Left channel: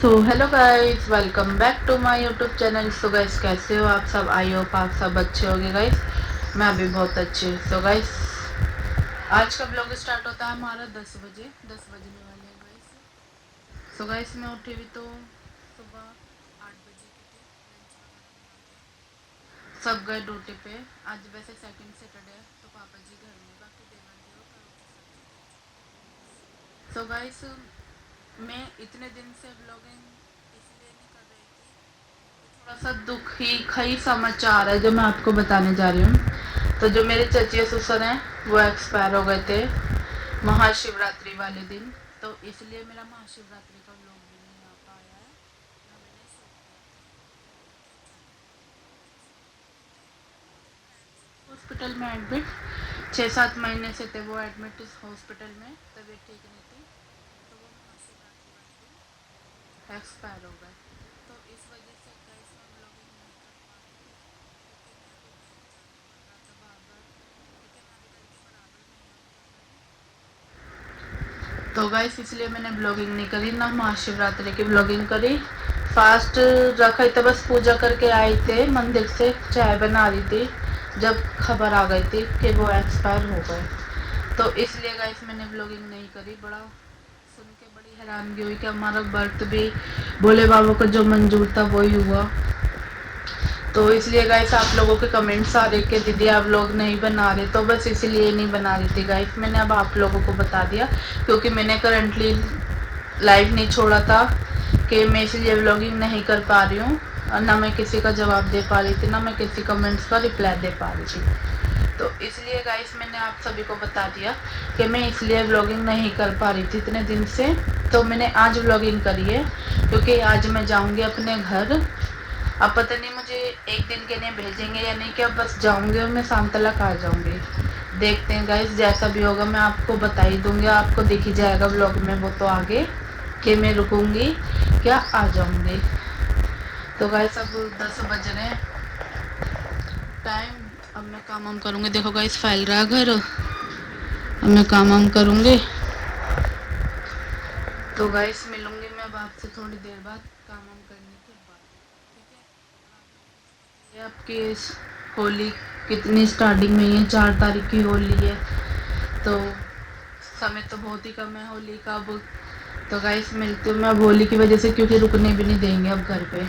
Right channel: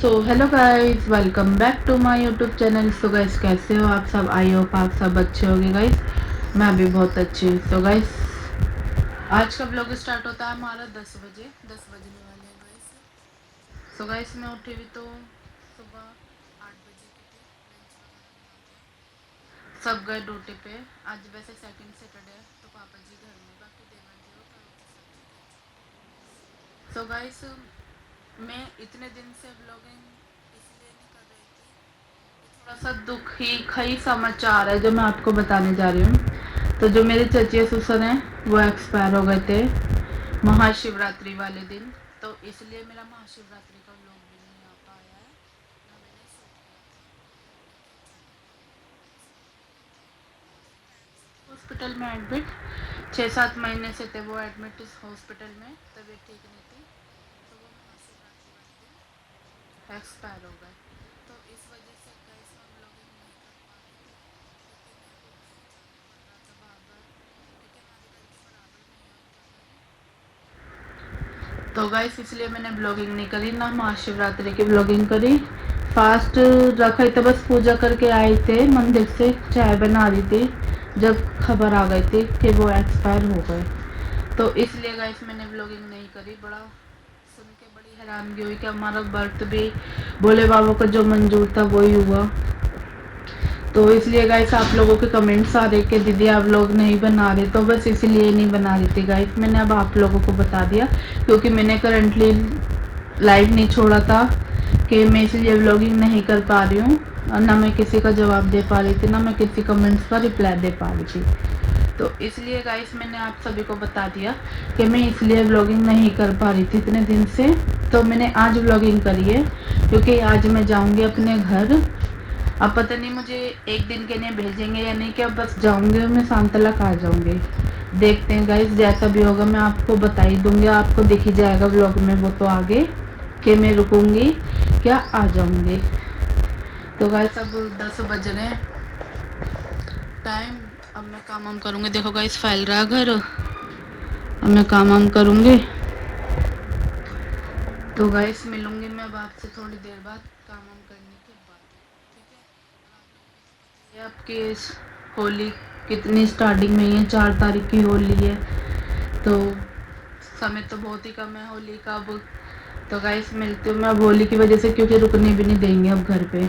So hello guys, welcome back to my YouTube channel. So guys, कैसे हो आप सब? आई होप आप सब अच्छे होंगे गाइस। मैं भी बहुत अच्छी हूँ। सो गाइस, आज का ब्लॉग स्टार्ट होता है हमारा 10 बजे। 10 बजने वाले हैं गाइस। सो गाइस, मैं उठी हुई तो सुबह 8 बजे की थी। लंच वगैरह बना दिया, सब गए ड्यूटी पे। आज वैसे सेकंड सैटरडे है तो पापा जी घर में, बाकी देवर देव परोठी सब्जी खाई। सो गाइस, मैं इतने दिन से ब्लॉगिंग इसलिए नहीं कर रही थी, थोड़ा सा दुखी खई समाचार है जो मैं आपको बताने जा रही हूँ। तो जो मेरे चचे ससुर हैं वो एक्सपायर हो गए थे महाशिवरात्रि वाले दिन। तो इसलिए मेरा महाशिवरात्रि का व्लॉग भी नहीं आ पाया है, ना मैंने शूट किया था, क्योंकि अचानक वो एक्सपायर हो गए थे। काफ़ी टाइम से थे हॉस्पिटल में एडमिट, 6-7 महीने से थे वो एडमिट इस हॉस्पिटल में, तबीयत ठीक नहीं थी। तो वो महाशिवरात्रि वाले दिन एक्सपायर हो गए। तो इस वजह से गाइस मैं ब्लॉगिंग नहीं कर पा रही थी, क्योंकि मेरे को कहीं जाना पड़ रहा था बार बार, क्योंकि हमारे घर के बराबर में ही है उनका घर। तो गाइस इसलिए मैंने ब्लॉगिंग नहीं करी, ना महाशिवरात्रि की ब्लॉगिंग करी। फास्ट रखा ही था, बस पूजा करके आए थे मंदिर से, चाय बना रही थी जब खबर आ गई थी कि वो एक्सपायर हो गए। तो इसलिए गाइस मैंने ब्लॉगिंग नहीं करी। बड़ा सुन के बड़ी हैरानगी हुई कि हमारा बर्थ भी भोले बाबा को जो मंजूर था वही हुआ। तो इसलिए गाइस आप लोगों के कमेंट्स आ रहे कि दीदी आप लोग नहीं बना रहे, तो बस इसलिए नहीं बना रही थी गाइस। मैंने अब आप लोगों को बता दिया, क्योंकि मैंने करंटली लाइव नहीं छोड़ा था कि मैं इसलिए व्लॉगिंग नहीं कर पा रही हूँ, और ना मैं किसी का जवाब दे पा रही थी, ना मैं किसी कमेंट्स का रिप्लाई दे पा रही थी। तो इसलिए गाइस मैंने आप सभी को बता दिया कि मैं इसलिए व्लॉगिंग नहीं कर पा रही थी इतने दिन से। तो मैंने आज व्लॉगिंग करी है, क्योंकि आज मैं जाऊंगी अपने घर। अब पता नहीं मुझे एक दिन के लिए भेजेंगे या नहीं, कि अब बस जाऊंगी और मैं शाम तक आ जाऊंगी। देखते हैं गाइस, जैसा भी होगा मैं आपको बता ही दूंगी, आपको दिख ही जाएगा व्लॉग में वो तो आगे, कि मैं रुकूंगी क्या आ जाऊंगी। तो गाइस अब 10 बज रहे हैं टाइम। अब मैं काम वाम करूंगी। देखो गाइस फैल रहा है घर, अब मैं काम वाम करूंगी। तो गाइस मिलूंगी मैं अब आपसे थोड़ी देर बाद, काम वाम करने के बाद, ठीक है। और आप लोगों को तो पता ही है आपकी इस होली कितनी स्टार्टिंग में ही है, 4 तारीख की होली है। तो समय तो बहुत ही कम है होली का अब। तो गाइस मिलती हूँ मैं अब होली की वजह से, क्योंकि रुकने भी नहीं देंगे अब घर पे।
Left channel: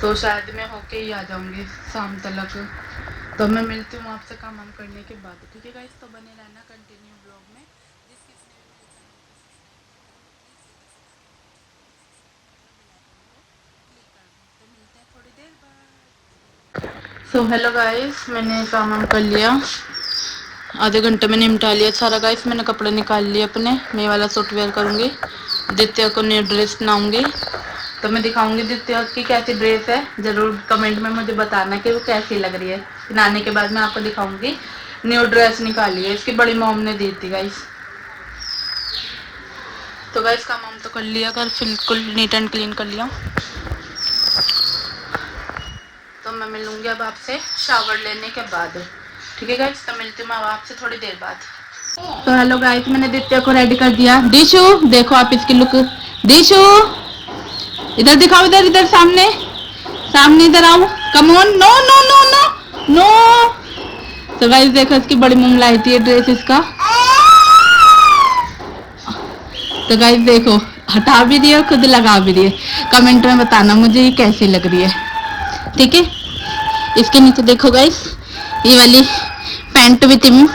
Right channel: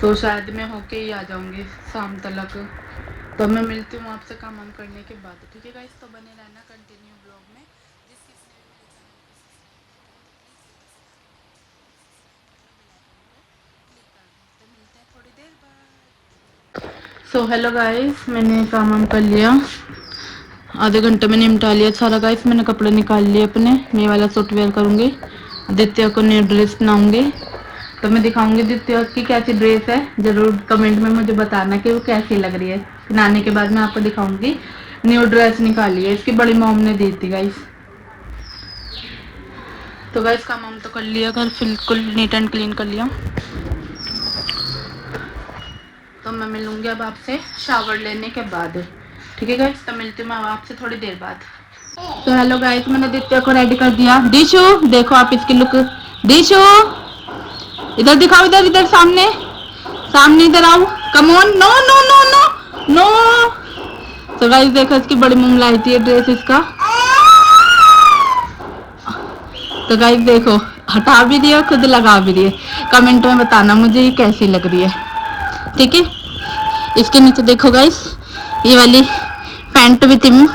तो शायद मैं होके ही आ जाऊंगी शाम तक। तो मैं मिलती हूँ आपसे काम वाम करने के बाद, ठीक है गाइस। तो बने रहना कंटिन्यू ब्लॉग में। जिस किसी ने भी मेरे चैनल को सब्सक्राइब नहीं करा तो प्लीज़ जल्दी से जाके मेरे चैनल को सब्सक्राइब कर लो, बेल आइकन को क्लिक कर दो। तो मिलते हैं थोड़ी देर बाद। सो हेलो गाइस, मैंने काम वाम कर लिया, आधे घंटे में निपटा लिया सारा गाइस। मैंने कपड़े निकाल लिए अपने, मैं वाला सूट वेयर करूँगी, दित्या को न्यू ड्रेस बनाऊँगी। तो मैं दिखाऊंगी दित्या की कैसी ड्रेस है, जरूर कमेंट में मुझे बताना कि वो कैसी लग रही है। बनाने के बाद मैं आपको दिखाऊंगी। न्यू ड्रेस निकाली है, इसकी बड़ी मॉम ने दी थी गाइस। तो गाइस काम वाम तो कर लिया, घर बिल्कुल नीट एंड क्लीन कर लिया। तो मैं मिलूंगी अब आपसे शावर लेने के बाद, ठीक है गाइस। तो मिलती हूँ मैं अब आपसे थोड़ी देर बाद। तो हेलो गाइस, मैंने दित्या को रेडी कर दिया। दिशु देखो आप इसकी लुक, दिशु इधर दिखाओ, इधर इधर सामने, सामने इधर आओ, come on, no no no no no. तो गाइस देखो इसकी बड़ी मम्मी लाई थी ये ड्रेस इसका। तो गाइस देखो हटा भी रही है और खुद लगा भी रही है। कमेंट में बताना मुझे ये कैसी लग रही है, ठीक है। इसके नीचे देखो गाइस ये वाली पैंट भी थी,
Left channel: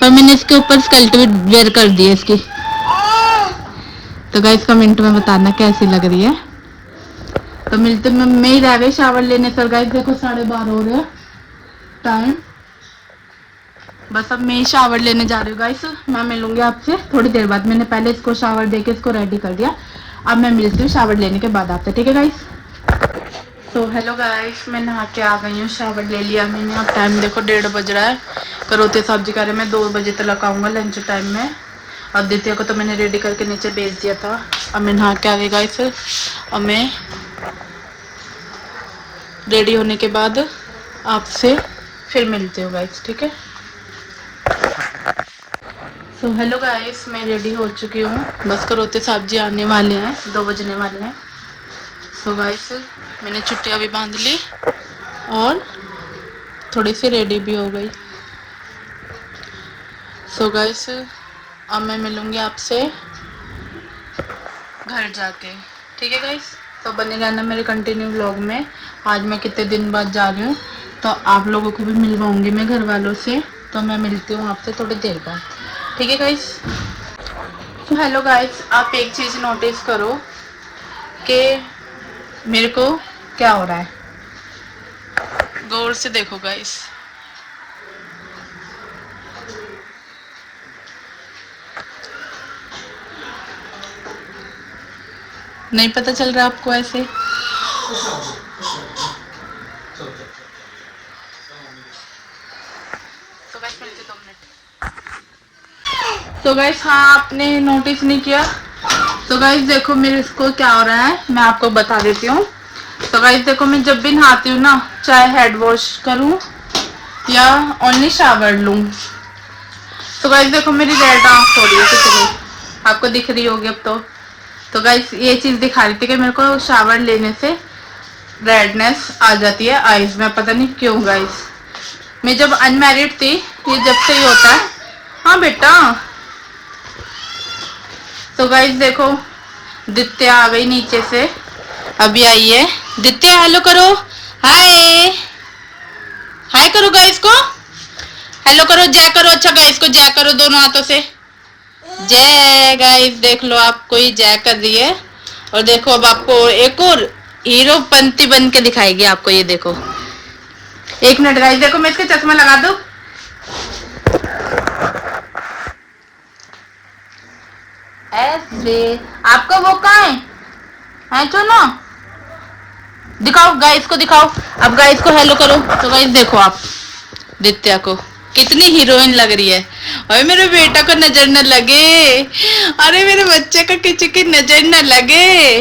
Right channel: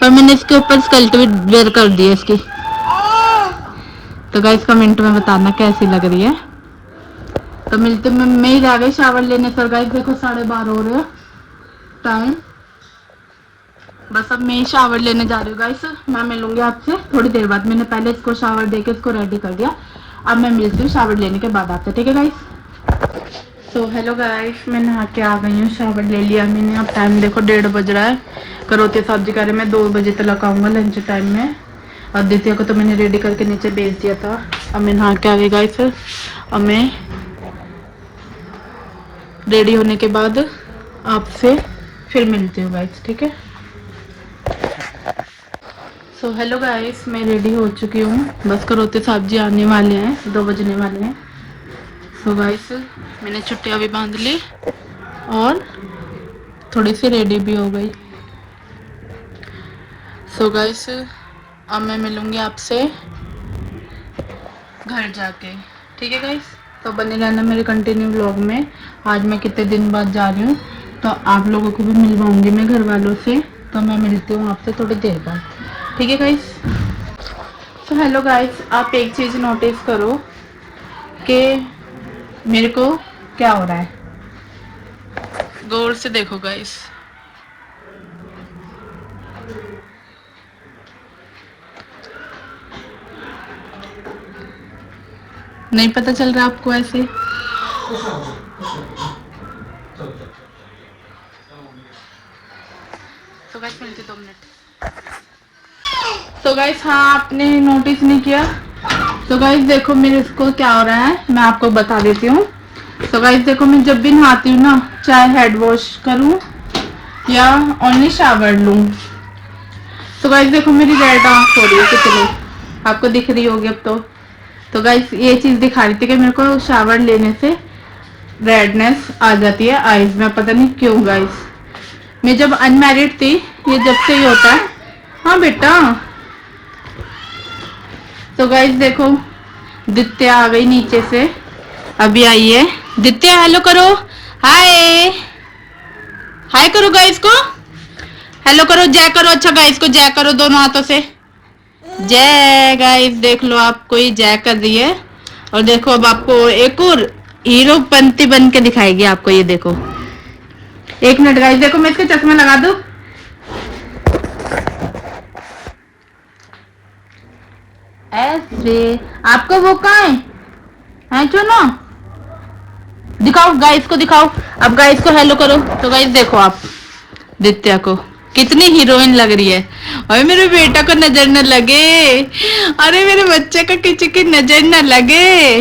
पर मैंने इसके ऊपर स्कर्ट भी वेयर कर दी है इसकी। तो गाइस कमेंट में बताना कैसी लग रही है। तो मिलते मैं ही रह गई शावर लेने से। गाइस देखो 12:30 हो रहे हैं टाइम, बस अब मैं शावर लेने जा रही हूँ गाइस। मैं मिलूंगी आपसे थोड़ी देर बाद। मैंने पहले इसको शावर देके इसको रेडी कर दिया, अब मैं मिलती हूँ शावर लेने के बाद आपसे, ठीक है गाइस। तो हेलो गाइस, मैं नहा के आ गई हूँ, शावर ले लिया मैंने। अब टाइम देखो 1:30 बज रहा है। करोती सब्जी करे, मैं 2 बजे तक आऊँगा लंच टाइम में। और द्वितीय को तो मैंने रेडी करके नीचे भेज दिया था। अब मैं नहा के आ गई गाइस। अब मैं रेडी होने के बाद आपसे फिर मिलती हूँ गाइस, ठीक है। सो हेलो गाइस, मैं रेडी हो चुकी हूँ। बस करोते साहब जी आने वाले हैं, 2 बजने वाले हैं। सो गाइस, मैंने चुट्टियाँ भी बांध ली और थोड़ी सी रेडी भी हो गई। सो गाइस, अब मैं मिलूँगी आपसे घर जाके, ठीक है गाइस। तो बने रहना मेरे कंटिन्यू व्लॉग में। आज मैं कितने दिन बाद जा रही हूँ, तो आप लोगों को भी मिलवाऊंगी मैं घर वालों से। तो मैं मिलती हूँ आपसे थोड़ी देर बाद, ठीक है गाइस। तो हेलो गाइस, आप एक चीज़ नोटिस करो कि मेरे को क्या हो रहा है। गौर से देखो गाइस। नहीं पता चल रहा आपको ऐसे? तो गाइस मिलते 2 मिनट। तो गाइस, हाँ, आपने नोटिस नहीं किया। तो गाइस देखो मेरे इसको क्या हो रहा है, मैं आपको बता देती हूँ। तो गाइस देखो, मैं जब भी नहाती हूँ ना, चाहे हेड वॉश करूँ या ओनली शावर लूँ, तो गाइस देखो मेरी रेड आंख हो रही है कितनी, आपको दिख रही होगी अब। तो गाइस ये चीज दिखा रही थी कि मेरे को शावर लेने से रेडनेस आ जाती है आईज में, पता नहीं क्यों गाइस। मैं जब अनमैरिड थी, ये जब से ही होता है। हाँ बेटा। तो गाइस देखो, दित्या आ गई नीचे से, अभी आई है। दित्या हेलो करो, हाय हाय करो गाइस को, हेलो करो, जय करो। अच्छा गाइस को जय करो दोनों हाथों से, जय। गाइस देख लो, आपको ही जय कर रही है। और देखो अब आपको एक और हीरो पंती बन के दिखाएगी आपको, ये देखो। 1 मिनट गाइस, देखो मैं इसके चश्मा लगा दूं। ऐसे आपका वो कहाँ है चलो दिखाओ गाइस को, दिखाओ। अब गाइस को हेलो करो। तो गाइस देखो आप दित्या को, कितनी हीरोइन लग रही है। अरे मेरे बेटा का नजर न लगे, अरे मेरे बच्चे का किसी की नजर न लगे।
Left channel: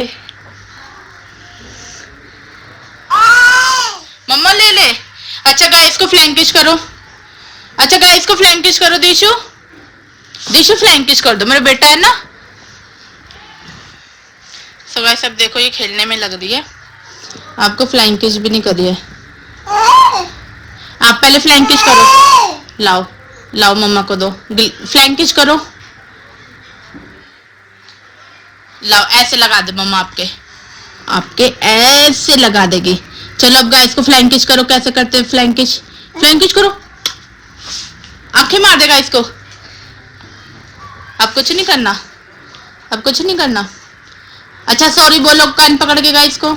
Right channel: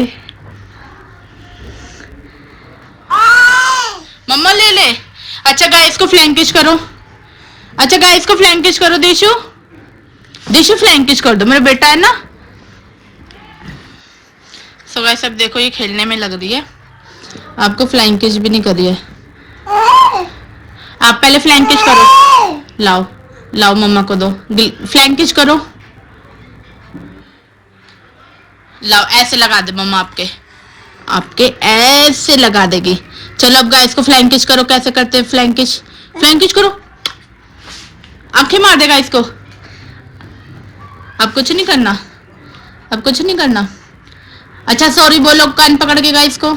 मम्मा ले ले। अच्छा गाइस को फ्लैंकिश करो, अच्छा गाइस को फ्लैंकिश करो। देशु देशु फ्लैंकिश कर दो, मेरा बेटा है ना। सो गाइस अब देखो ये खेलने में लग रही है, आपको फ्लैंकिश भी नहीं कर रही है। आप पहले फ्लैंकिश करो, लाओ लाओ मम्मा को दो, फ्लैंकिश करो। लाओ, ऐसे लगा दे मम्मा, आपके आपके ऐसे लगा देगी। चलो अब गाइस को फ्लैंकिश करो। कैसे करते हैं फ्लैंकिश? फ्लैंकिश करो, आंखें मार देगा इसको। अब कुछ नहीं करना, अब कुछ नहीं करना। अच्छा सॉरी बोलो कान पकड़ के गाइस को।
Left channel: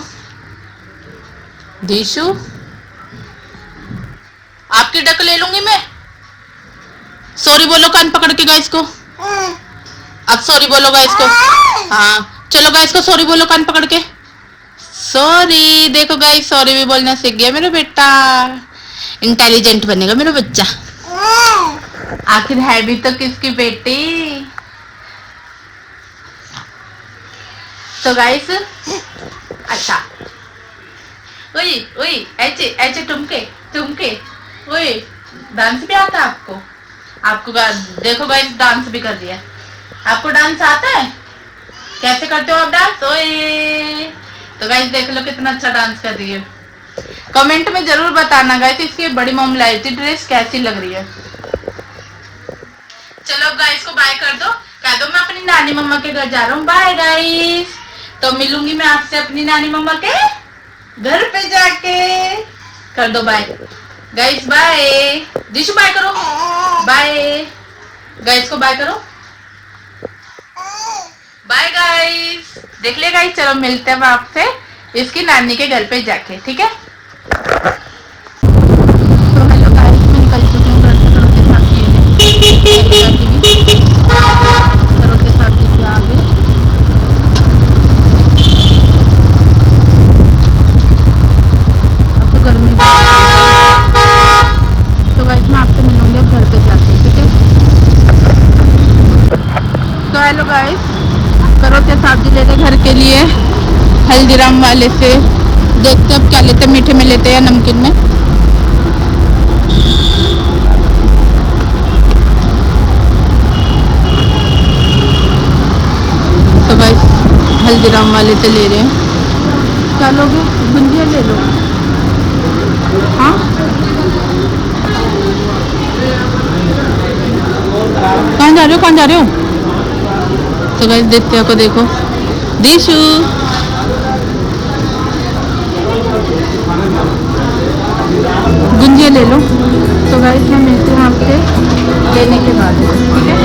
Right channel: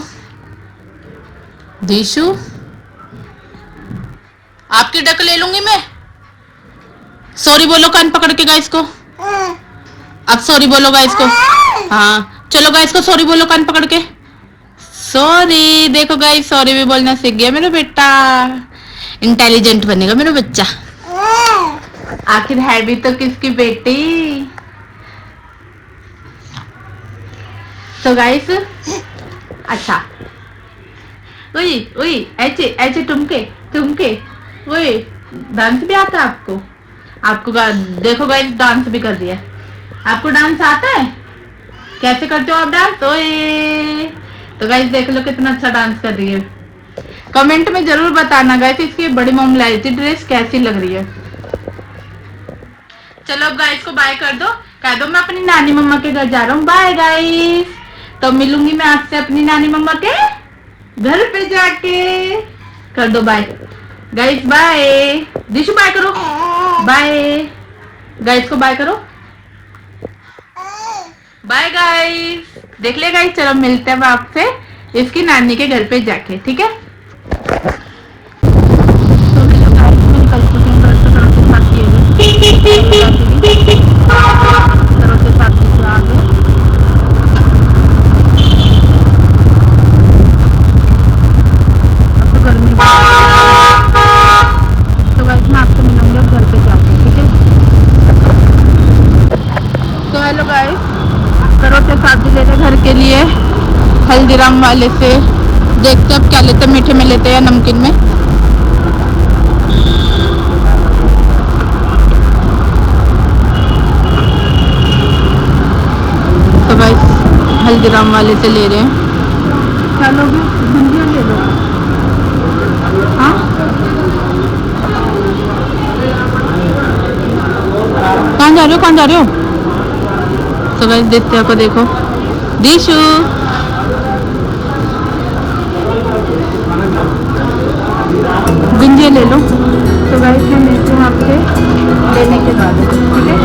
दीशु आपकी डक ले लूंगी मैं। सॉरी बोलो कान पकड़ के गाइस को। अब सॉरी बोलो गाइस को। हाँ चलो गाइस को सॉरी बोलो कान पकड़ के। सॉरी। देखो गाइस सॉरी भी बोलना सीख गया मेरा बेटा, इंटेलिजेंट बनेगा मेरा बच्चा। आखिर है भी तो किसकी बेटी। तो गाइस अच्छा, ओए ओए ऐसे ऐसे टुमके टुमके, ओए डांस भी आता है आपको? आपको देखो गाइस डांस भी कर दिया। आपको डांस आता है? कैसे करते हो आप डांस? ओए तो गाइस देख लो कितना अच्छा डांस कर रही है। कमेंट में जरूर बताना गाइस इसकी बड़ी मॉम लाई थी ड्रेस कैसी लग रही है। चलो अब गाइस को बाय कर दो, कह दो मैं अपनी नानी मम्मा के घर जा रहा हूँ। बाय गाइस, तो मिलूंगी मैं आपसे अपनी नानी मम्मा के घर पे जाके। कर दो बाय गाइस, बाय। दिशु बाय करो, बाय गाइस को बाय करो, बाय गाइस। देख लिया गाइस, चलो मिलते हैं आपसे इसकी नानी के घर पे जाके, ठीक है। तो हेलो गाइस, मैं निकल चुकी हूँ घर से, करोते साथ से आगे। अब तो गर्मी, तो गाइस मैं आपसे मिलूंगी अब घर पे जाके, ठीक है। तो हेलो गाइस, करोते सब्जी लेते घर के लिए हल्दीराम वाले से। देखते अब क्या लेते, मीठे में लेते या नमकीन में। गाइस हल्दीराम वाले से ले रहे हैं। क्या लोगे? गुंजिया ले लो। हाँ कहाँ जा रहे हो, कहाँ जा रहे हो? तो गाइस दित्या को देखो, दिशु गुंजिया ले लो। तो गाइस मैं मिलती हूँ आपसे लेने के बाद, ठीक है?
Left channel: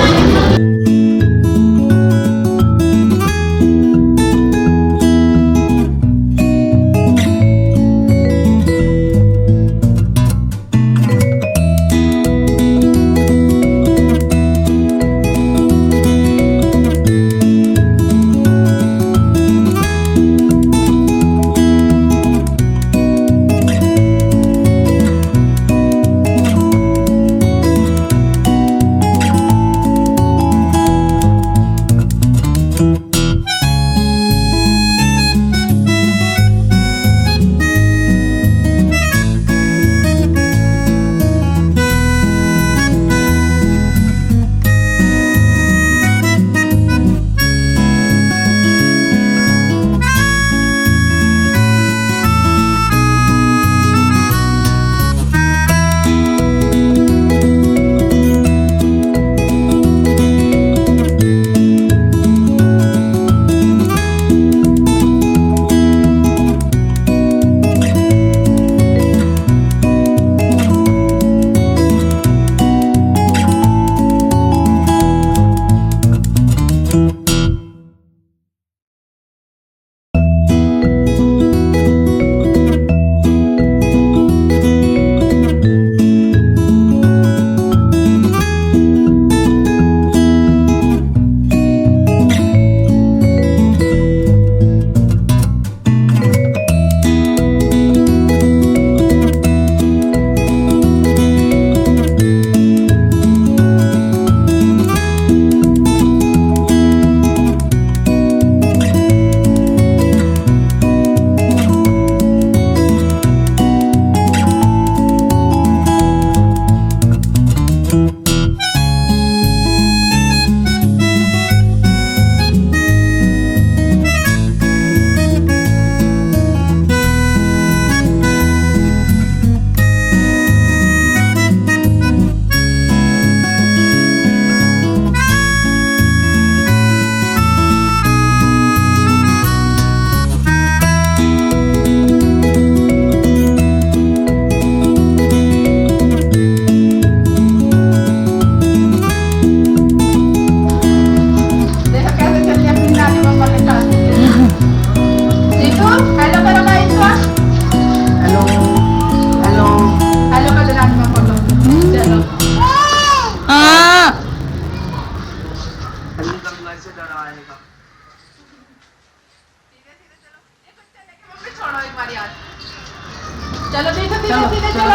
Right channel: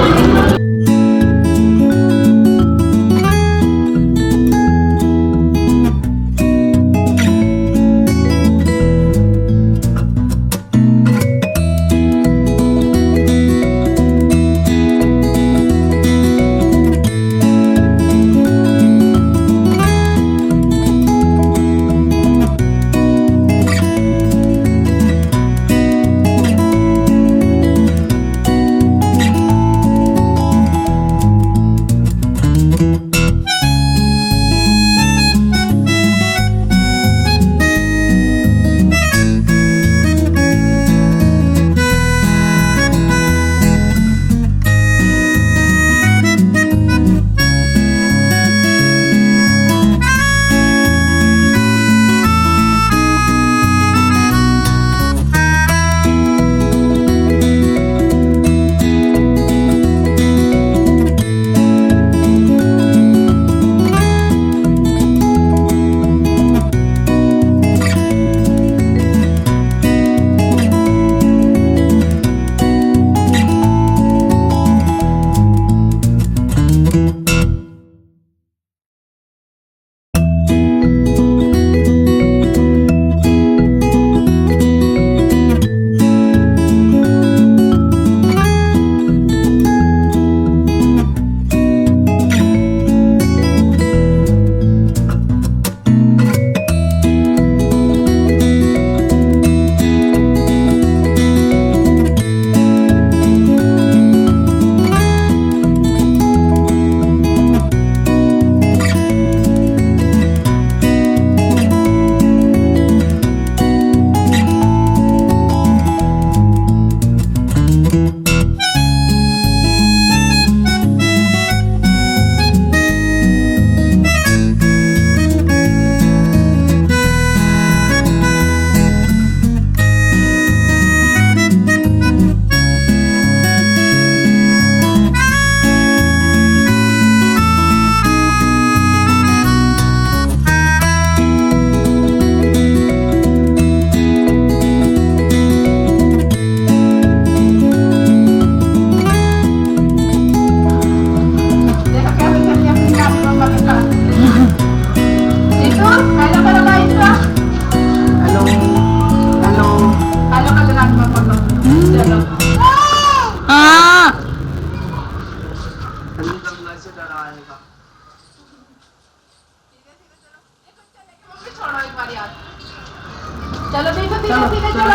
चलो सीधे सीधे चलो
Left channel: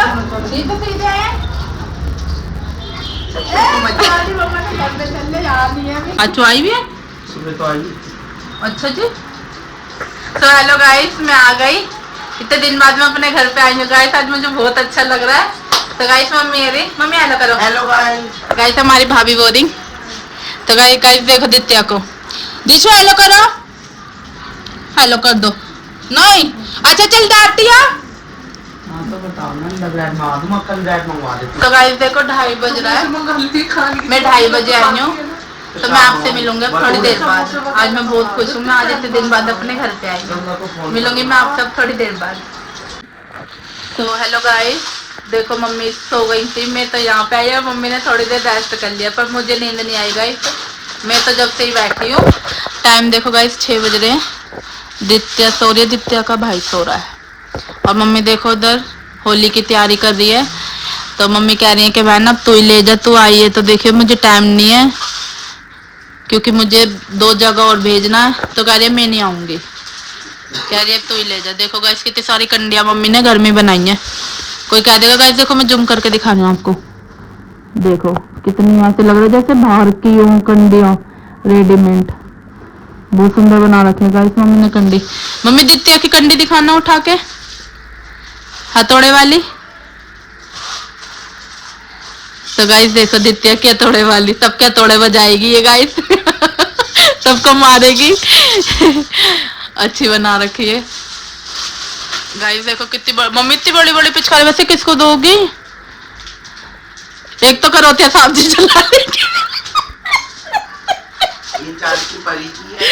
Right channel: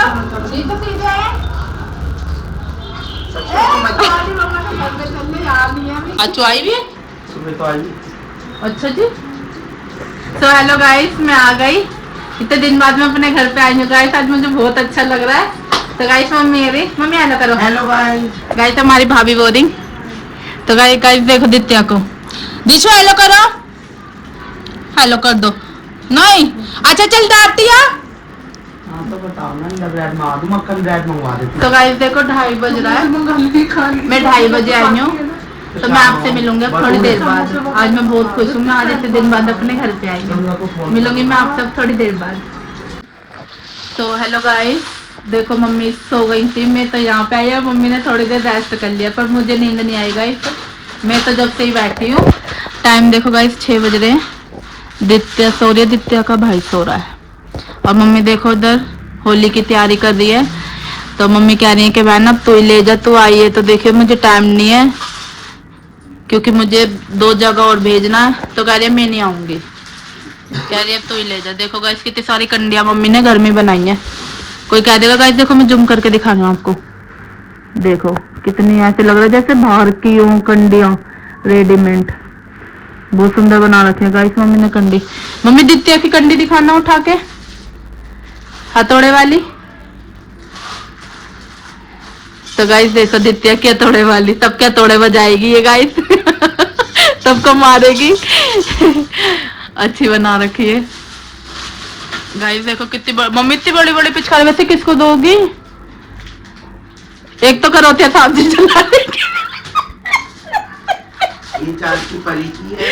सीधे सीधे आए। अच्छा आई भी है, सुबह तो आई। अच्छा जी। तो हेलो गाइस, मैं आ गई इतने दिन बाद। मैं अपने घर पे आई हूँ गाइस, आज मुझे बहुत अच्छा लग रहा है। तो गाइस मम्मी हेलो करो। Hello guys. गाइस हमारी भाभी बोरिंग। तो गाइस देखो दित्या को, दिशु हेलो करो, हेलो कर दो। नहीं अच्छा चल डांटती है। तो गाइस देखो 2:30 बज रहा है, मैं 2:30 बजे आई हूँ। तो मैं आपसे मिलूंगी थोड़ी देर बाद। आज मैं बहुत खुश हूँ, मैं आज इतने दिन बाद अपने घर पे आई हूँ। मिलूंगी मैं आपसे थोड़ी देर बाद। तो हेलो गाइस, देखो मम्मी सो गई थी, मैं तो यहाँ पे आई और मम्मी ने थोड़ी देर रेस्ट कर लिया, पर मुझे नींद नहीं आई गाइस। मैं तो जब से ही बैठी हूँ। टाइम देखो गाइस 6 बज रहे हैं। दित्या सो रही है, दित्या का भाई सो रहा है और मम्मी देखो उधर होली की तैयारी कर रही है। तो मम्मी कह रही है कि बहन अब तू ही ले जा, तू आई है। तो देखियो मुझे टाइम नहीं है क्योंकि मुझे 2 जगह और भेजना है। तो कह रही है मैं नहीं आऊंगी, कह रही है तू ही ले जा। देखो गाइस कितनी सारी कंडियां मम्मी ने घर में बनाई है। कोई कह देगा गाइस देखो मैं जूम करके दिखा रही हूँ आपको, देखो कितनी ऐसे लग रहा है जैसे बाहर की हूँ कंडियां रेडीमेड। बहुत सुंदर बना रखे हैं गाइस मम्मी ने कंडी। मम्मी दित्या की कंडी दिखाना उठा के, हथौड़े वाली। तो गाइस देखो दित्या की हथौड़े वाली, सबके हथौड़े बजाएगी ये गाइस। सबको मारेगी। अच्छी बना रखी है गाइस। देखो कितनी मम्मी इतनी बड़ी बड़ी पिचकारी वैसे किसको दोगी? एक तो करौतिया साहब जी चला ये चार की परी की है,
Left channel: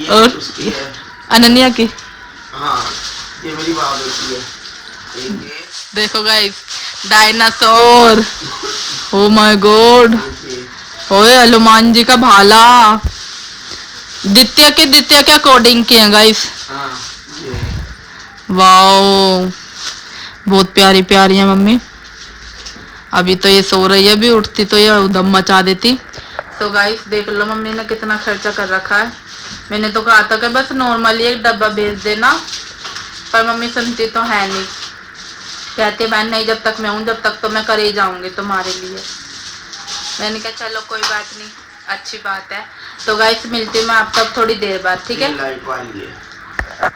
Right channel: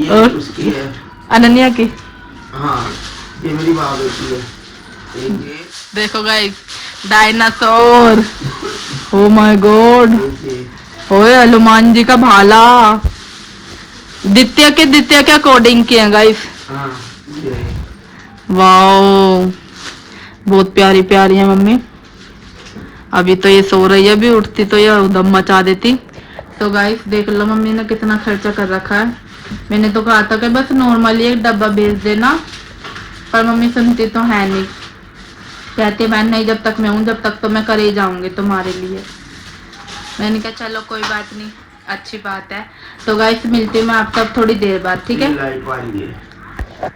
ये उसकी है, अनन्या की। हाँ ये मेरी माँ बेटी है। ये देखो guys dinosaur. Oh my God. ओए हनुमान जी का भाला द्वितीय के अकॉर्डिंग किए गाइस। हाँ वाओ बहुत प्यारी प्यारी है मम्मी। अभी तो ये सो रही है, अभी उठती तो ये उधम मचा देती। तो गाइस देख लो मम्मी ने कितना खर्चा कर रखा है। मैंने तो कहा था कि बस नॉर्मली एक डब्बा भेज देना, पर मम्मी सुनती तो है नहीं। कहती मैं नहीं, जब तक मैं हूँ जब तक तो मैं कर ही जाऊंगी तुम्हारे लिए। मैंने कहा चलो कोई बात नहीं, अच्छी बात है। तो गाइस मिलती हूँ मैं आपसे अब थोड़ी देर बाद, ठीक है?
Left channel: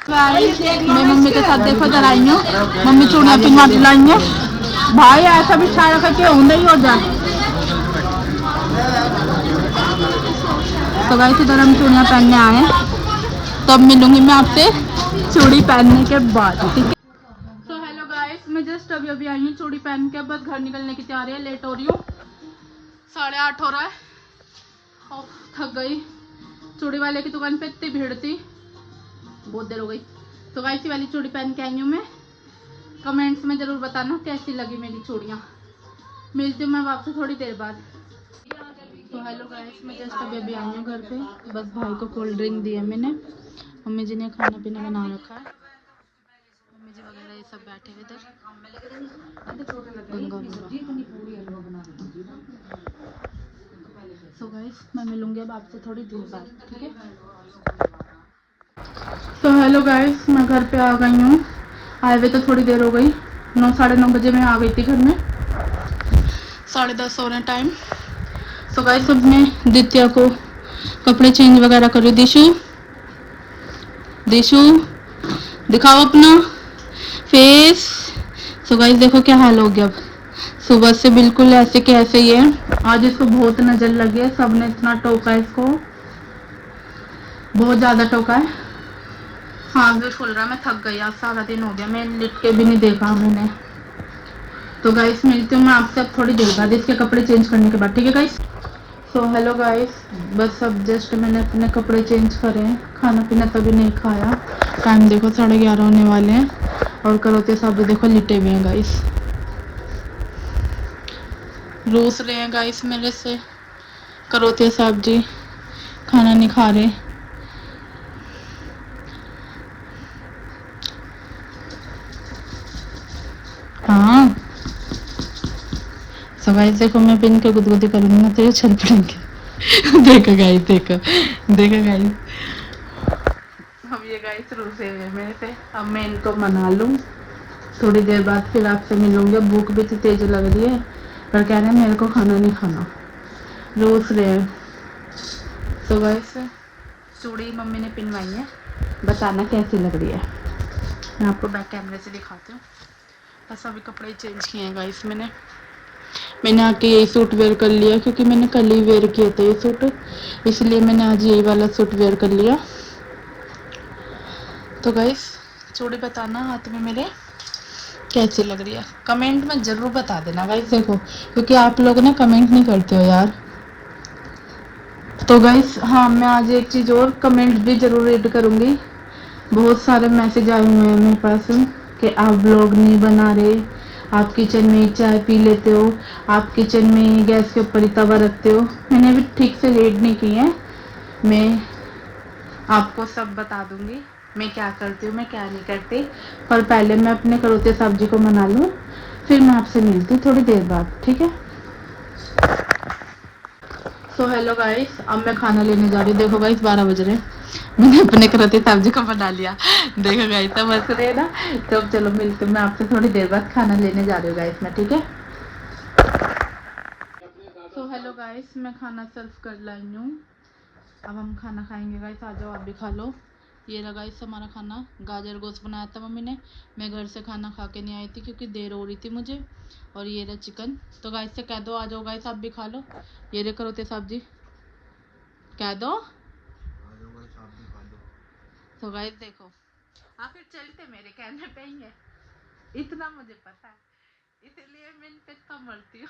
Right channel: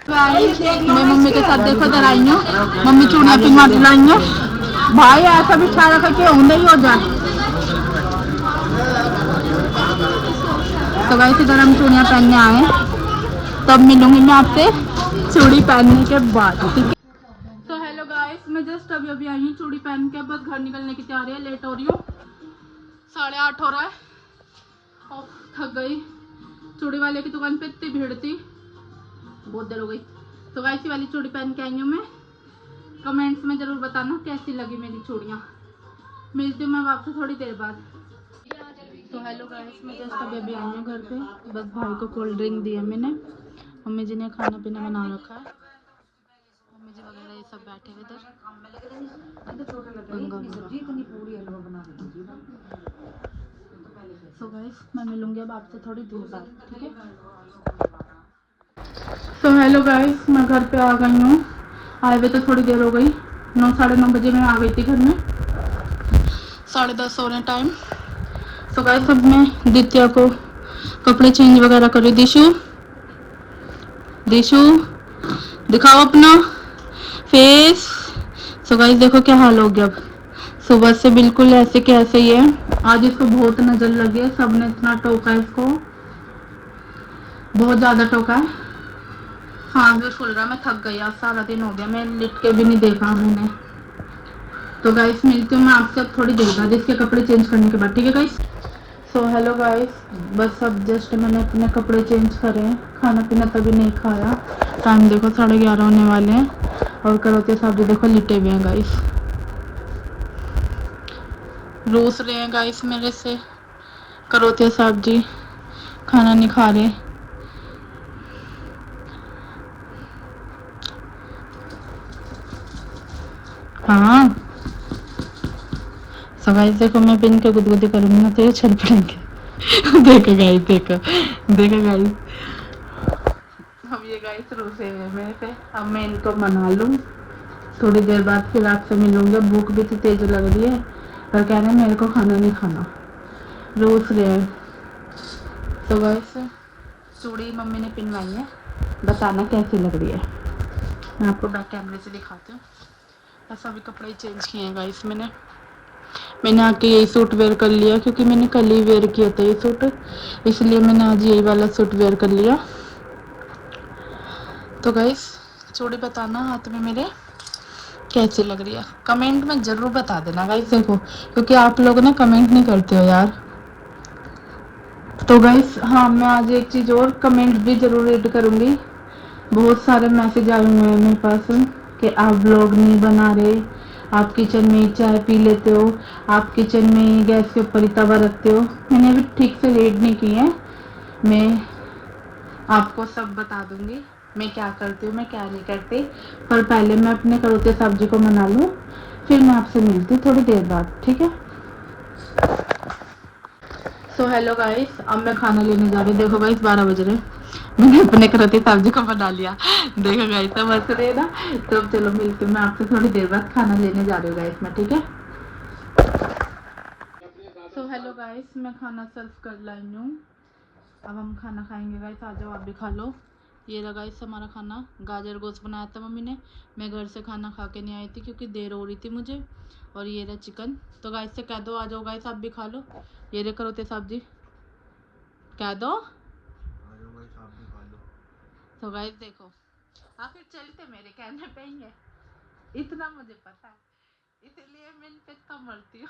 मैं मम्मी के साथ देखो इधर आई हूँ, मम्मी चूड़िया पिन्ना दिलाई है। भाई ऐसा भी छा रखा कि नहीं हो जाए। तो गाइस इधर हम चूड़ियाँ पहनने आए, तब मिलूंगी मैं आपसे चूड़ी पहनने के बाद, ठीक है? तो हेलो गाइस, मैं जस्ट अभी अभी आई हूँ चूड़ी पहन के, बस घर निकलने की तैयारी है। लेट हो रही हूँ, 8:30 हो रहा है। थक गई। चूड़ी वाले की दुकान पे इतनी भीड़ थी, बहुत देर हो गई। तो गाइस वाली चूड़ी पहन के आई हूँ मैं। कमेंट्स में जरूर बताना कैसी लगी मेरी चूड़ियाँ। मिलती हूँ मैं आपसे थोड़ी देर बाद। तो हेलो गाइस, मैं जस्ट अभी अभी आई हूँ घर पे। बस भाई को कोल्ड ड्रिंक दी है मैंने। मम्मी जी ने खाना पीना बना रखा है। मम्मी जी वगैरह ये सब बैठे हुए इधर। सो गाइस मैं मिलूंगी अब आपसे थोड़ी देर बाद, ठीक है? तो हेलो गाइस, मैं घर पे आ गई हूँ। आए हुए तो थोड़ी देर हो गई, 9 साढ़े 9 बजे मैं आ गई थी घर में। 10:30 होने टाइम। तो गाइस अब मैं दित्या को कपड़े चेंज वगैरह करी। दिशु दिशु दिखाओ अपना फेस। तो गाइस देखो क्या हाल हो गया। अब सुबह से बिल्कुल ऐसे के ऐसे ही है। आज इसको बहुत नजर लगी है, सबने इतना टोका है इसको, बहुत ज्यादा टोका है। सांस भी फूल रहा है। मैं थक गई, आज सारा दिन हो गया, मैं लिट के भी नहीं देखा मैंने। तो गाइस मिलती हूँ मैं आपसे अब थोड़ी देर बाद इसके कपड़े चेंज करने के बाद, ठीक है गाइस? सो हेलो गाइस, बस अब जस्ट मैंने अपने कपड़े चेंज करे हैं। खाना पीना तभी नहीं खाया। टाइम देखो 11:30 होने वाले हैं और करौते साहब भी देखो लिटे हुए हैं गाइस। रूस रहे हैं गाइस मेरे से करौते साहब जी, खाना नहीं खा रहे। हाँ सो गाइस देखो मैं पिन के गुदगुदी करूंगी ना तो ये चल पड़ेंगे। देखो गाइस, देखो देखो गाइस। अब ये गाइस रूसे हुए मेरे से। अब मैं इनको मना लूँ, थोड़ी देर बाद फिर आपसे मिलूंगी। भूख भी तो तेज लग रही है, पर कह रहे हैं मेरे को खाना नहीं खाना, रोज रहे हैं। तो गाइस चूड़ी मम्मी ने पिनवाई है, बताना कैसी लग रही है। मैं आपको बैक कैमरे से दिखाती हूँ। बस अभी कपड़े चेंज किए हैं गाइस मैंने आके यही सूट वेयर कर लिया, क्योंकि मैंने कल ही वेयर किया था ये सूट, इसलिए मैंने आज यही वाला सूट वेयर कर लिया। तो गाइस चूड़ी बताना हाथ में मेरे कैसी लग रही है, कमेंट में ज़रूर बता देना गाइस। देखो क्योंकि आप लोग ना कमेंट नहीं करते हो यार। तो गाइस हाँ, मैं आज एक चीज़ और कमेंट भी ज़रूर रीड करूँगी। बहुत सारे मैसेज आए हुए हैं मेरे पास कि आप व्लॉग नहीं बना रहे, आप किचन में ही चाय पी लेते हो, आप किचन में ही गैस के ऊपर ही तवा रखते हो। मैंने अभी ठीक से रीड नहीं की है, मैं आपको सब बता दूंगी मैं क्या करती हूँ मैं क्या नहीं करती। पर पहले मैं अपने करौते साहब जी को मना लूँ, फिर मैं आपसे मिलती हूँ थोड़ी देर बाद, ठीक है? तो हेलो गाइस, अब मैं खाना लेने जा रही हूँ। देखो गाइस 12 बज रहे हैं, मैंने अपने करौते साहब जी को बना लिया। देखो गाइस तब हंस रहे ना। तो चलो मिलती हूँ मैं आपसे थोड़ी देर बाद, खाना लेने जा रही हूँ गाइस मैं, ठीक है? तो हेलो गाइस, मैं खाना सर्व कर लाई हूँ। अब हम खाना खाएंगे गाइस, आ जाओ आप भी खा लो। ये रहा गाइस हमारा खाना, गाजर गोश्त बनाया था मम्मी ने। मैं घर से खाना खा के नहीं आई थी क्योंकि देर हो रही थी मुझे। और ये रहा चिकन। तो गाइस से कह दो आ जाओ गाइस आप भी खा लो। ये रे करौते साहब जी, कह दो तो गाइस देखो, आखिर चलते मेरे कहने पे ही है, इतना मुझे पता है, इसलिए मैं इन पे इतना मरती हूँ।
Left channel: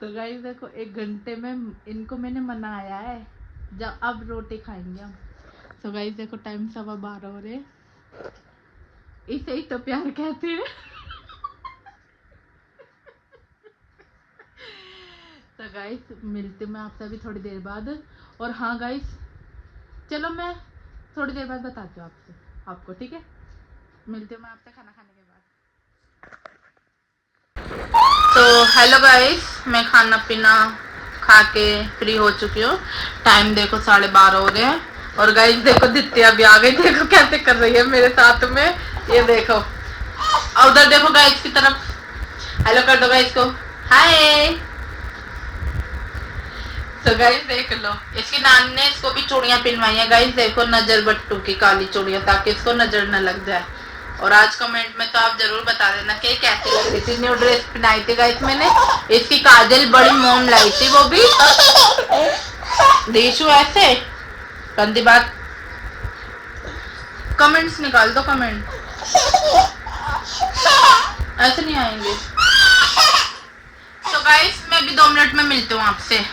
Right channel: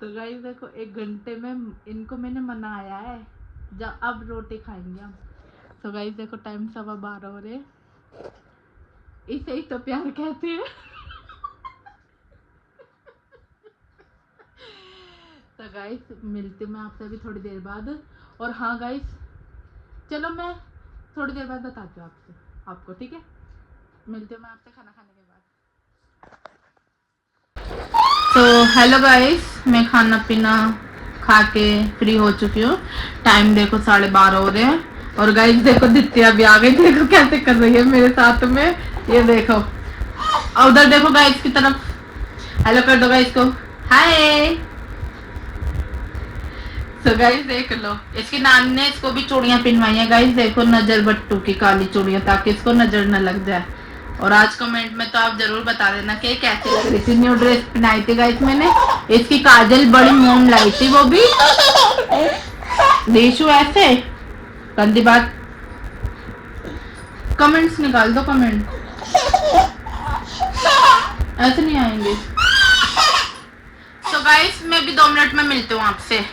तो गाइस देखो, 1 घंटे में इनको मैंने मनाया है, जब अब रोटी खाएंगे हम। तो गाइस देखो, टाइम 12:15 हो रहे, इसे ही तो प्यार कहते हैं। तो गाइस मिलती हूँ मैं आपसे अभी थोड़ी देर बाद। और हाँ गाइस, चलो मैं थोड़ी देर बाद बताती हूँ आपको, ठीक है? मिलती हूँ मैं आपसे खाना खाने के बाद। तो हेलो गाइस, मैं खाना पीना खा के फ्री हो चुकी हूँ। टाइम देखो 12:30 हो रहे हैं। और गाइस देखो, दित्या भी आ गई, देखो कैसे कर रही है मेरे साथ में, ये देखो। और उधर देखो गाइस की तरफ, हेलो कर दो गाइस को, हाय। तो गाइस देख लो, इसकी नानी ने इसको भी चूड़ियां पहनवाई है गाइस, देखो नजर बट्टू की काली चूड़ियां, ताकि इसको नजर न लग जाए। और आज कमेंट में तो आप जरूर बता देना कि कैसे लग रही थी। न्यू ड्रेस पहनाई थी गाइस मैंने, इसकी काजल बड़ी मोम लाई थी, वो भी देशु ऐसे गंदी बात। कमेंट्स निकाल दो, कमेंट ऐसे नहीं आएंगे। तो गाइस मैं भी 2 मिनट में मिलती हूँ आपसे।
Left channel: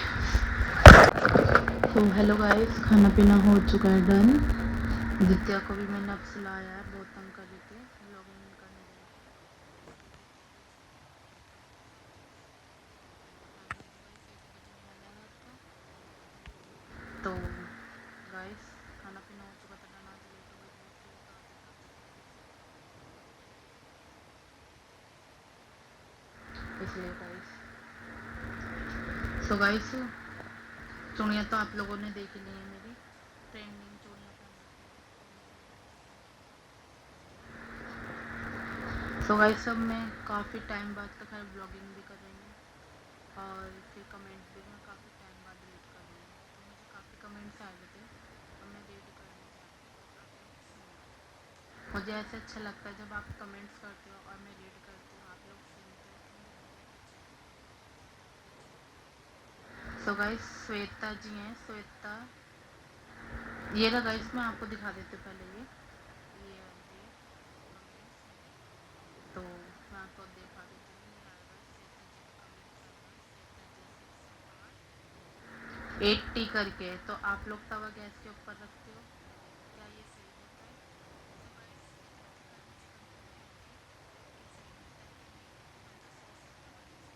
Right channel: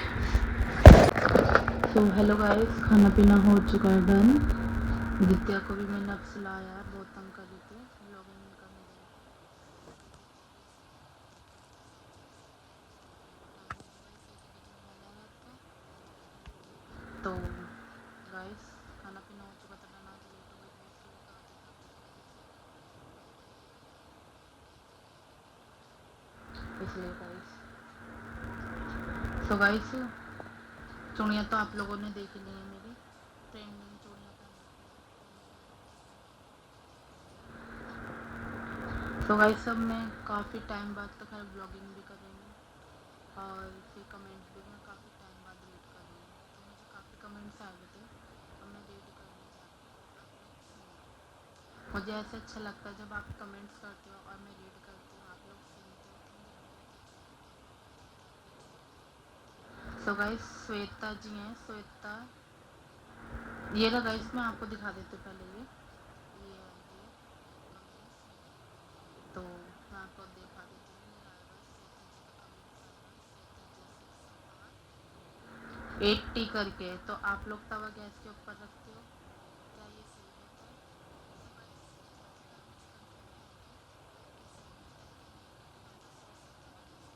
तो हेलो गाइस, खाना पीना हो चुका है डन। दित्या को भी मैंने अब सुलाया है, बहुत तंग कर रही थी, व्लॉगिंग नहीं करने दे रही थी। तो गाइस खाना पीना हो चुका था डन, आज लेट हो गई बहुत, इसलिए गाइस। तो गाइस चूड़ियाँ तो आप लोगों ने देख ली है, मेरी ट्रेंडिंग चूड़ियाँ पहन रखी है। तो गाइस सब मैं काफ़ी टाइम बाद तो खैर ब्लॉगिंग भी कर रही हूँ, और फिर कमेंट्स भी मैं काफ़ी टाइम बाद रीड कर रही हूँ। तो मुझे काफ़ी कमेंट्स आए हुए थे, तो मैं रीड करने जा रही हूँ, आप लोग सुनो। मुझे ऐसे अच्छा लगता है जब आप कमेंट्स करते हो और मैं रीड करती हूँ, आप लोग सुनते हो, तो मुझे बहुत अच्छा लगता है। तो गाइस श्वेता जी हैं, श्वेता, ये रहा गाइस, मैं आपको दिखा देती हूँ पहले, ये वाली है कमेंट्स, तो मैं आपको दिखा देती हूँ। ये आएगा श्वेता जी का कमेंट्स आएगा, श्वेता जी 680 करके। तो आप लोग तवा गैस के ऊपर रखते हो, क्या ये सही होता है? तो गाइस ये थोड़ा सा मुझे कंफ्यूजन हो रही है कि सही होता है कि नहीं, हम तो शुरू से तवा गैस के ऊपर ही रखते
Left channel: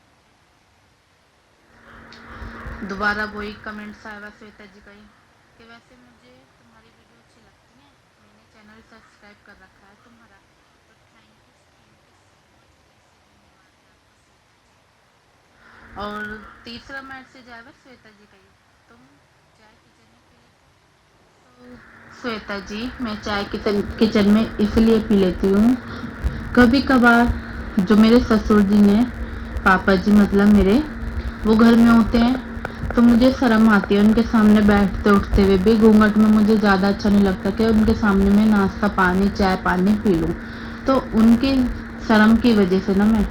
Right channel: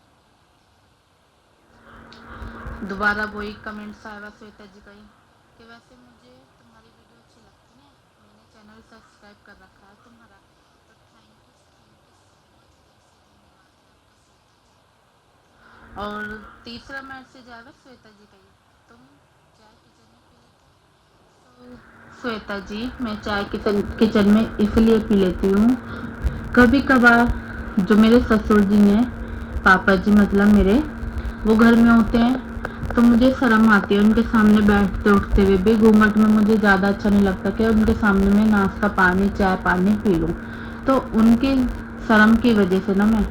हैं। दोबारा वही कमेंट्स आएगा श्वेता जी का ही, कि वैसे मुझे तुम्हारी वीडियो अच्छी लगती है, मैंने चैनल सब्सक्राइब कर रखा है तुम्हारा, तो थैंक यू सो मच, दिल से धन्यवाद है आपका श्वेता जी। और तीसरा मैसेज आएगा श्वेता जी का ही, तुम चाय किचन में पी लेते हो? तो श्वेता जी, मैं चाय किचन में इसलिए पी लेती हूँ, कभी कभार जो मेरे ससुर जी हैं, पापा जी मतलब मेरे, वो घर में होते हैं, तो मुझे शर्म आती है उनके सामने बैठते उठते हुए भी। घूंघट में मुझे ज़्यादा अच्छा नहीं लगता कि उनके सामने मैं नाश्ता पानी चाय पानी पी लूँ। तो उनकी शर्म की वजह से ना मैं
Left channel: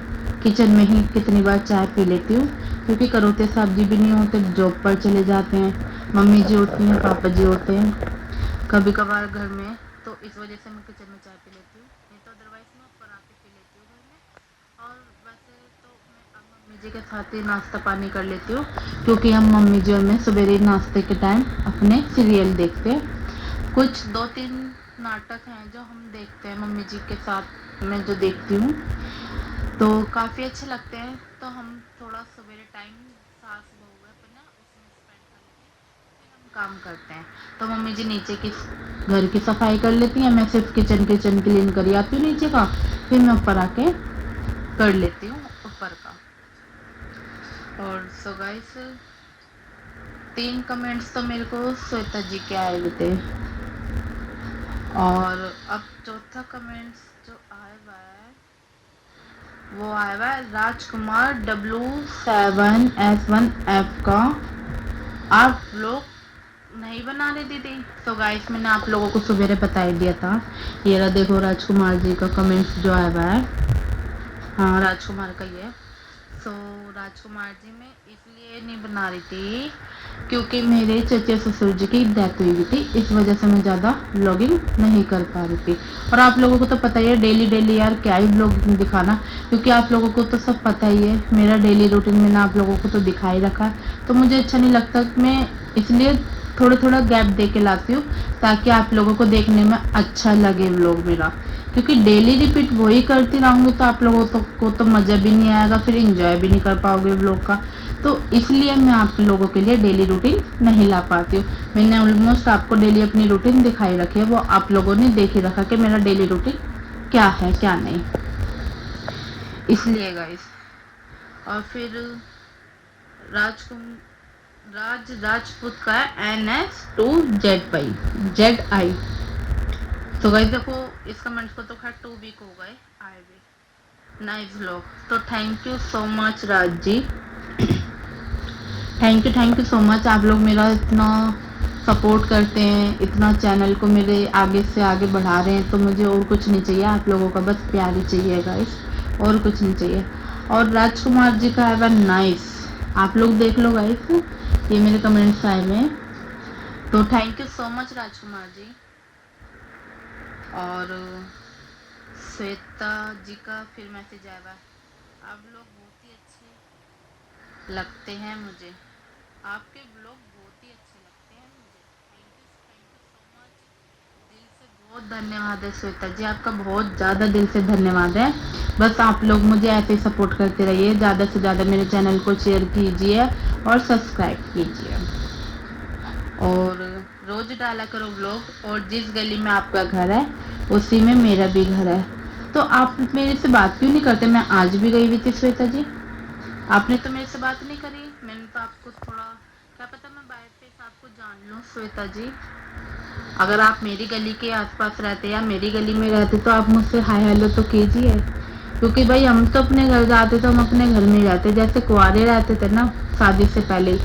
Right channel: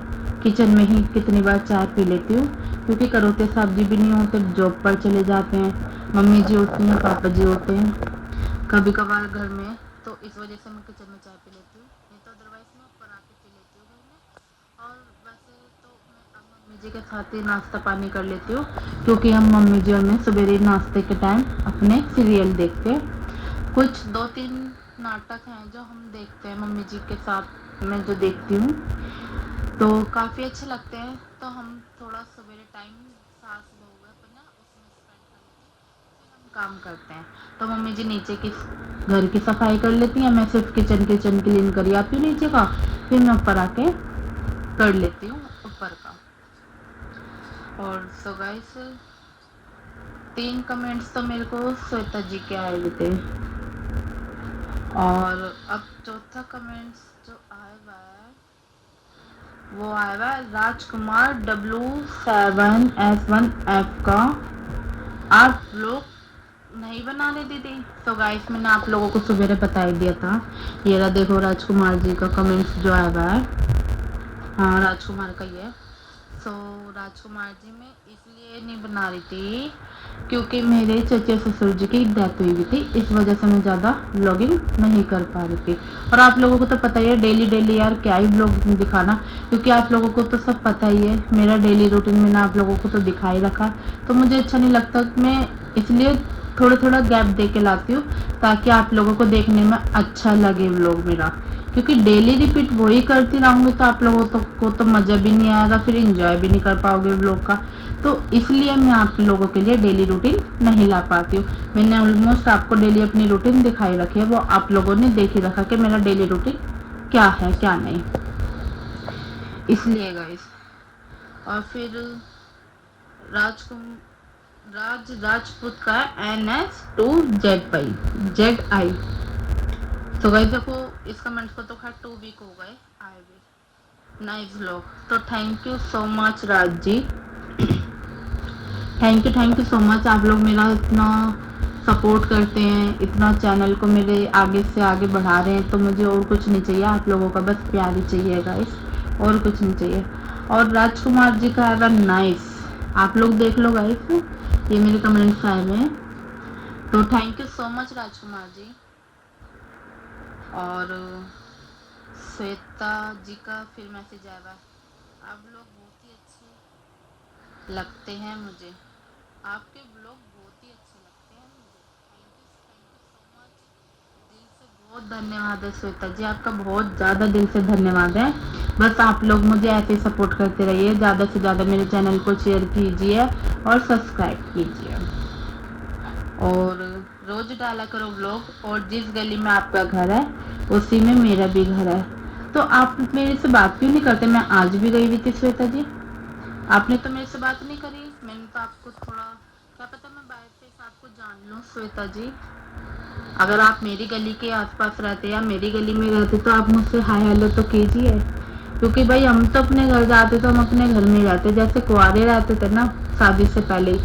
किचन में ही कितनी बार चाय पी लेती हूँ, क्योंकि करोते साहब जी भी नहीं होते, जॉब पर चले जाते हैं, मम्मी जी होती हैं, पापा जी होते हैं कभी कभार घर में, तो इस वजह से मैं किचन में चाय पी लेती हूँ, नहीं तो अदरवाइज मैं ऊपर आके पी लेती हूँ घर में। और वैसे तो मैं अब मम्मी जी के साथ ही नाश्ता पानी कर लेती हूँ, क्योंकि हम मम्मी जी और मैं सवेरे नाश्ते के टाइम अपने सीरियल देखते हैं। कुछ 2-3 नाटक हैं जो हम देखते हैं मम्मी जी के साथ, मैं जो देखती हूँ, तो काफ़ी अच्छे लगते हैं। तो हम थोड़ा सवेरे टाइम सास बहू है अपना उसमें स्पेंड कर लेते हैं, फिर हम काम करते हैं। तो मम्मी जी नीचे की घर की सफाई कर लेती हैं, मैं सिर्फ किचन क्लीन कर आती हूँ नीचे का, फिर मैं ऊपर आके कर लेती हूँ ऊपर का। और सो गाइस 3 कमेंट्स तो मेरे को श्वेता जी के आए हुए थे, और अब चौथा कमेंट्स जो आया हुआ है वो आया हुआ है राजकुमार W7S1F का, आप लोग नहीं बना रहे दीदी। तो गाइस मैंने आप लोगों को सवेरे बता ही दिया था, ये रहा देखो राजकुमार जी का कमेंट्स जो आया हुआ है, हाँ राजकुमार का ये। सो राजकुमार जी मैं इसलिए नहीं बना रही थी क्योंकि मेरे चचे ससुर जी की डेथ हुई थी, इस वजह से मैं ज़्यादा व्लॉगिंग नहीं कर पा रही थी। और आप लोगों को तो पता ही है डेली डेली यार क्या ही व्लॉगिंग दिखाना, क्योंकि आप लोगों को तो सब पता ही है मेरा डेली रूटीन मैंने आप लोगों को तो दिखा ही रखा। तो मुझे अच्छा नहीं लगता, मैं इसलिए थोड़ा थोड़ा गैप दे के लाती हूँ ताकि आप लोगों को देखने में अच्छा लगे व्लॉग मेरा। क्योंकि डेली रिपीट वही करती रहूंगी तो आप लोगों को तो मज़ा भी नहीं आएगा, फिर इंजॉय भी नहीं कर पाओगे व्लॉग का। तो इसलिए मैं आप लोगों के लिए डेली रूटीन नहीं ला पाती हूँ। मैंने ऑलमोस्ट आपको डेली अपनी रूटीन दिखाई रखी है, वो आप लोगों ने देख ही रखा कि मेरा डेली रूटीन क्या है क्या नहीं, इसलिए गाइस। और फिर राजपूत का NS2ZI। तो गाइस देखो इस कमेंट्स को तो खैर 2 वीक हो गए आए हुए। Nice vlog. तो thank you so much Raj ji, thank you so much. आप लोग मेरा इतना सपोर्ट करते हैं, इतना चैनल को मेरे आगे से आगे बढ़ा रहे हैं, तो मुझे और कुछ नहीं चाहिए, आप लोगों का बस प्यार ही चाहिए गाइस, और कुछ नहीं चाहिए। और राजकुमार जी का है नाइस, आप लोग देख लो गाइस, ये मेरे कमेंट्स आए हुए हैं। तो thank you so much Rajkumar ji. और श्वेता जी का फिर मैसेज आया हुआ, आप लोग बहुत ही अच्छे लगते हैं मुझे, आपके ब्लॉग बहुत ही अच्छे लगते हैं मुझे। थैंक यू सो मच, दिल से बहुत धन्यवाद है श्वेता जी, आपका बहुत ज़्यादा दिल से धन्यवाद है। बस आप लोग मुझे ऐसे ही सपोर्ट करते रहिए, ज़्यादा से ज़्यादा मेरे चैनल को शेयर कीजिए और सब्सक्राइब कीजिए, और रोज़ डाला करो व्लॉग। और जिस गली में आपका घर है उसी में मेरा भी घर है, तो आप मेरे से बात क्यों नहीं करते? मैं आज भी गई हुई थी श्वेता जी, आपने तो मेरे से बात नहीं करी। मैंने तो आपको थोड़ा, क्या पता मैं बाय फेस आपको जान लूँ श्वेता जी। अगर आप मेरी गली के आसपास रहते या मेरी गली में रहते तो आप मुझसे हाय हेलो तो कीजिए, क्योंकि भाई हम तो अपने घर जाते तो हम अपने घर में ही रहते, जैसे कुंवारे रहते थे ना शादी से पहले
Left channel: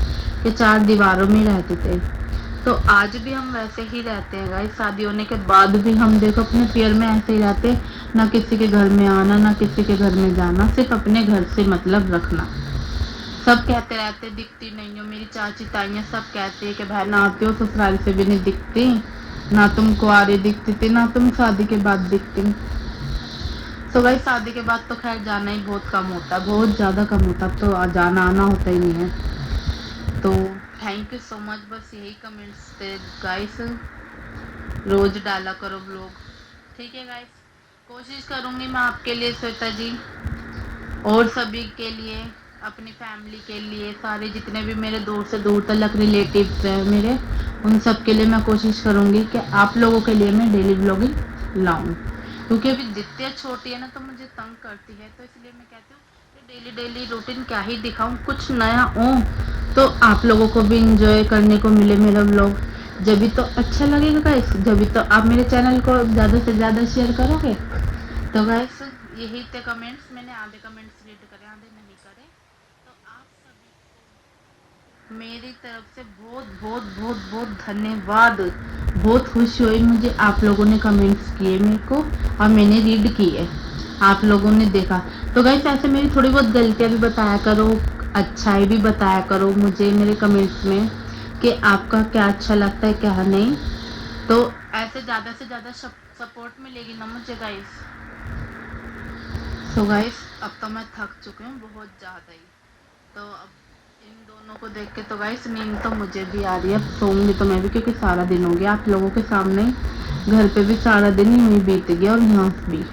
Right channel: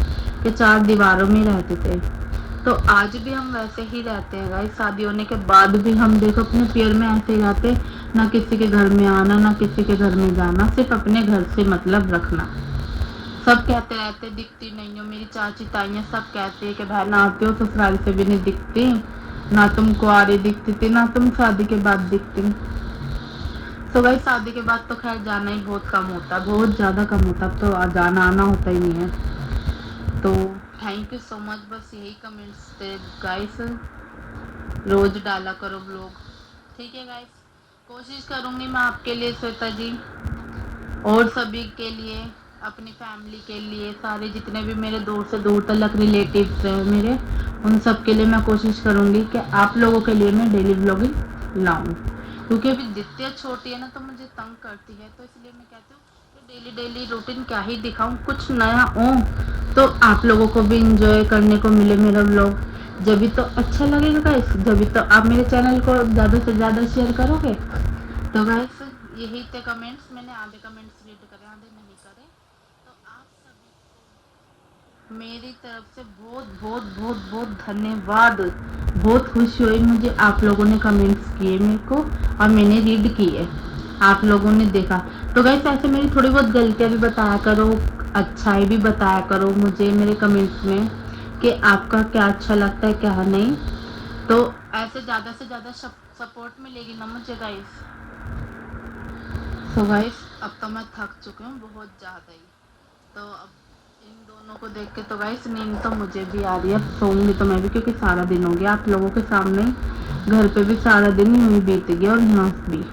के 4 दीवारों में ही रहते थे, तो आज भी हम वैसे ही रहते हैं गाइस। शादी होने के बाद भी हम देखो अपने पियर में ऐसे ही रहते, ना किसी के घर में आना ना किसी के घर में जाना, सिर्फ अपने घर से मतलब रखना। सब कहते रहते दिखती नहीं हो, मेरी चाची ताइयाँ सब कहती है कि बहन आते हो ससुराल से भी नहीं दिखती, ना तुम कुआरी दिखती थी ना तुम शादी के बाद दिखती। तो भाई शादी के बाद तो खैर जाना ही बहुत कम होता है, बहुत ज़्यादा कम होता है, तो जाना आना होता ही नहीं है। तो थैंक यू सो मच, बस यही कमेंट्स थे गाइस, रोज डाला करो ब्लॉग, ठीक है गाइस। कोशिश करूँगी मैं आपके लिए श्वेता जी, और सभी के लिए, अपनी फैमिली के लिए, सारे जितने भी मेरे दूर से दूर तक रिलेटिव्स हैं मेरे, उन सब के लिए मैं कोशिश करूँगी कि आप लोगों के लिए मैं डेली व्लॉगिंग लाऊं, क्योंकि अभी जितनी छोटी है ना तो मुझे तंग करती है, तो इसलिए मैं कहती हूँ कि डेली डेली रूटीन क्या ही दिखाऊं, कुछ नया हो तो आप लोगों को भी इंजॉय करने को मिले मेरा व्लॉग, जब भी तो अच्छा लगेगा गाइस, जब भी तो आप मेरे चैनल को ज़्यादा से ज़्यादा शेयर करोगे। तो गाइस यही थे कमेंट्स, मैंने आधे कमेंट्स रीड करे आधे नहीं करे। तो आप सभी को मेरी तरफ से बहुत बहुत बहुत बहुत धन्यवाद, बहुत खुशी हुई मुझे आप लोगों ने कमेंट्स किए मेरे को, और मैंने रीड किए, आप लोगों ने देखा। तो गाइस ऐसे मेरी थोड़ी बहुत गलतियाँ भी बताया करो, अच्छाई भी बताया करो मुझे मेरे कमेंट्स में कि आपका क्या अच्छा लगता है क्या नहीं, तो ऐसे ज़्यादा से ज़्यादा सपोर्ट मिलेगी ना मुझे गाइस। तो गाइस अब तो मैं थक चुकी हूँ बहुत ज़्यादा ही, तो अब इन दोनों को देख के तो गाइस नींद तो मुझे भी आ रही है, अब सोऊंगी तो मैं भी, क्योंकि सारा दिन हो गया आप लोगों के सामने, घर पे भी सारा दिन ही बीत गया और यहाँ भी।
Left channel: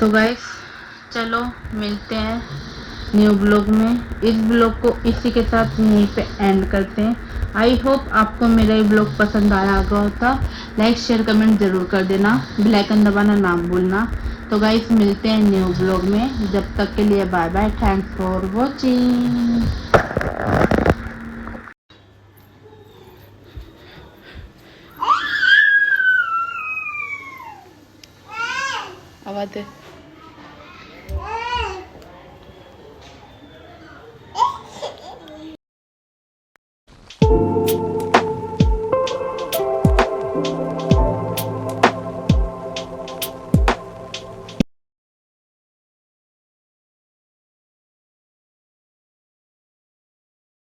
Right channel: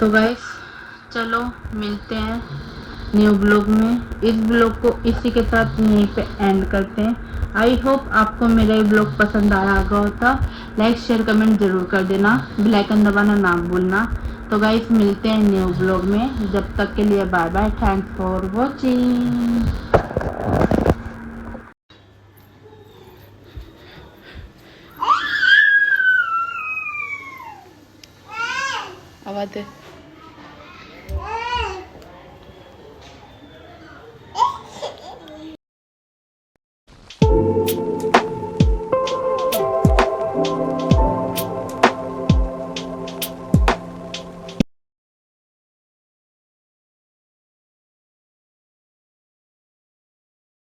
तो गाइस चलो मिलते हैं न्यू ब्लॉग में, इस ब्लॉग को इसी के साथ यहीं पे एंड करते हैं। आई होप आपको मेरा ये ब्लॉग पसंद आया होगा, लाइक शेयर कमेंट जरूर कर देना, बेल आइकन दबाना ना भूलना। तो गाइस मिलते हैं न्यू ब्लॉग में, जब तक के लिए bye bye, thanks for watching. आवाज़